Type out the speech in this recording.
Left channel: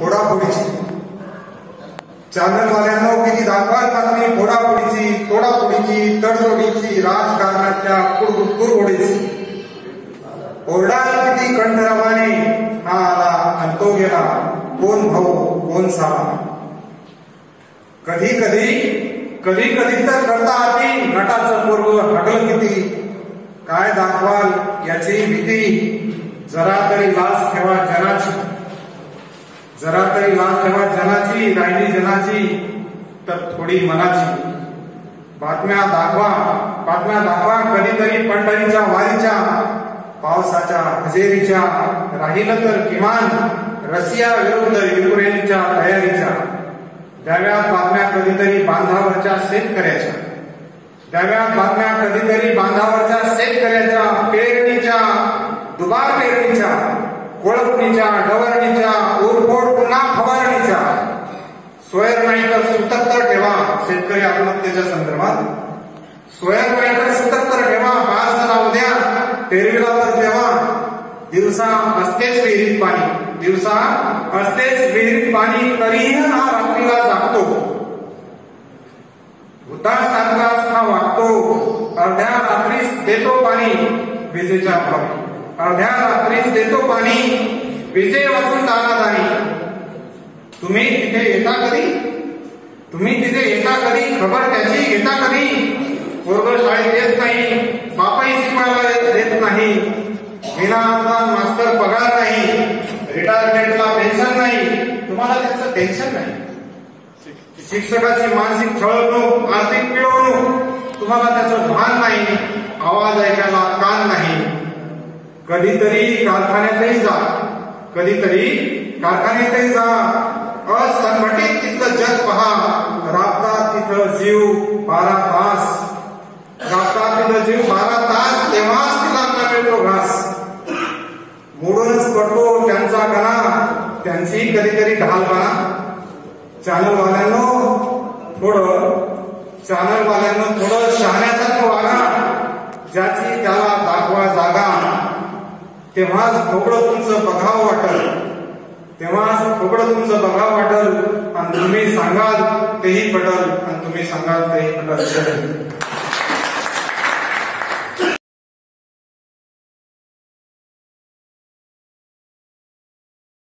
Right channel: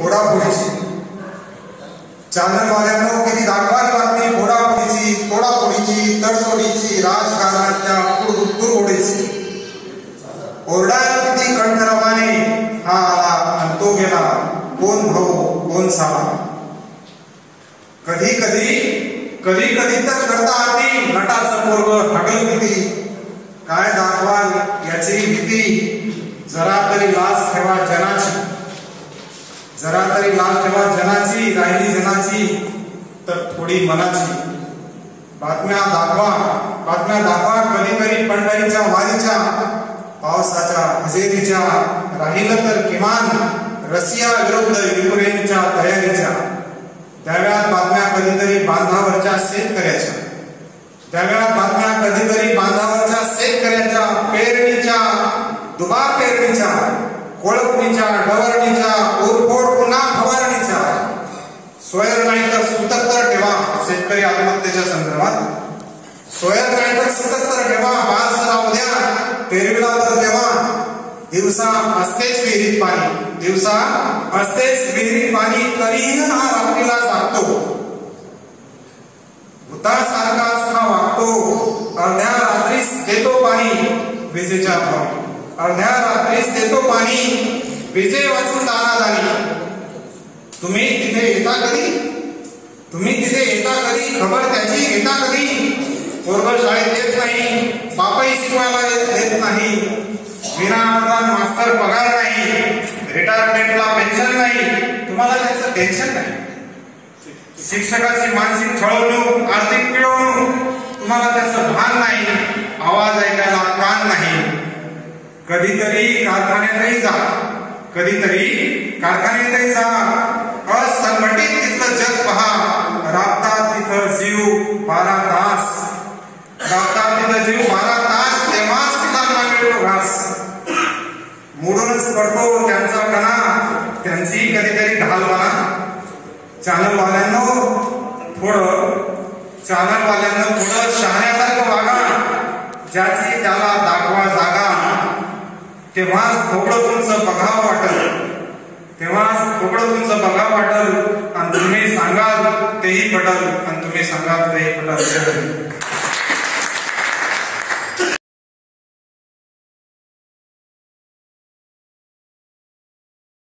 फोडाफोडीची. चॅनलवाल्यांनो किती दाखवाल बातमी फोडाफोडीची, तडजोडीची, राजकारणाच्या कुरघोडीची. ओरडाल किती कंठरावाने, हा आला आणि तो गेला, कोण भाऊ कोण सावा. कधी कधी तर करता आधी नटाचं पोरग हगल किती. काय दाखवाल याची भीती, जरा तरी लाज ठेवा जनाची. जरा तरी लाज ठेवा जनाची, राहिली जनाची तर थोडी मनाची. बातम्या दाखवा कधीतरी पंढरीच्या वारीच्या, पावसाच्या हजेरीच्या, राहिलं तर किमान रशिया विरुद्ध युक्रेनच्या तयारीच्या. द्याव्यात बातम्या कधीतरी बांधावरच्या शेतकऱ्याच्या. द्याव्यात बातम्या कधीतरी बांधावरच्या शेतकऱ्याच्या, पेरणीच्या, दुबार पेरणीच्या, कोळपणीच्या, डवरणीच्या, उरफोड पुन्हा फवारणीच्या. सोयर नाही तर सुतत्र ठेवा शेतकरी आत्महत्येच्या संदर्भात. सोयर नाही तर सुतत्र ठेवा, बाळाला उद्या पेरणीला तर तेव्हा. दिवसा असतेच विहिरीत पाणी, तरीही हा रात्रीला जागतो. भूतासारखाच हा वागतो, अर्ध्या रात्रीस देतो पाणी विजेच्या भावी. अर्ध्या रात्रीस देतो पाणी, विजे वाचून जाणार नाही. तुम्ही तिथे येता कधी, खबर त्याची घेता कधी. पोरग शाळेत येत नाही, बापाही शिकवायला देत नाही. विनाअनुदान मास्तर पगार नाही, रिटायरमेंटला पेन्शन नाही. तुम्हाला त्याचं टेन्शन नाही. शिक्षकाची मानसिक छळवणूक, आर्थिक पिळवणूक, तुम्हाला त्याचं भान नाही. आवाज ऐकायला कान नाही. कधीतरी कारखान्यातही जा. असंघटित तिथलं जग पहा, राबतात तिथं जीव 12 तास. तेव्हाच पिकांना मिळतो घास. मोडूनच पडतो त्यांचा कणा, त्यांची कधीतरी ढाल बना. चॅनलवाल्यांनो थोडं शहाण्यासारखं वागा. ज्याची त्याला दाखवा जागा, तेव्हाच थोडं तुमचं बघावं वाटल. आणि तुम्ही सांगाल तेही पटल,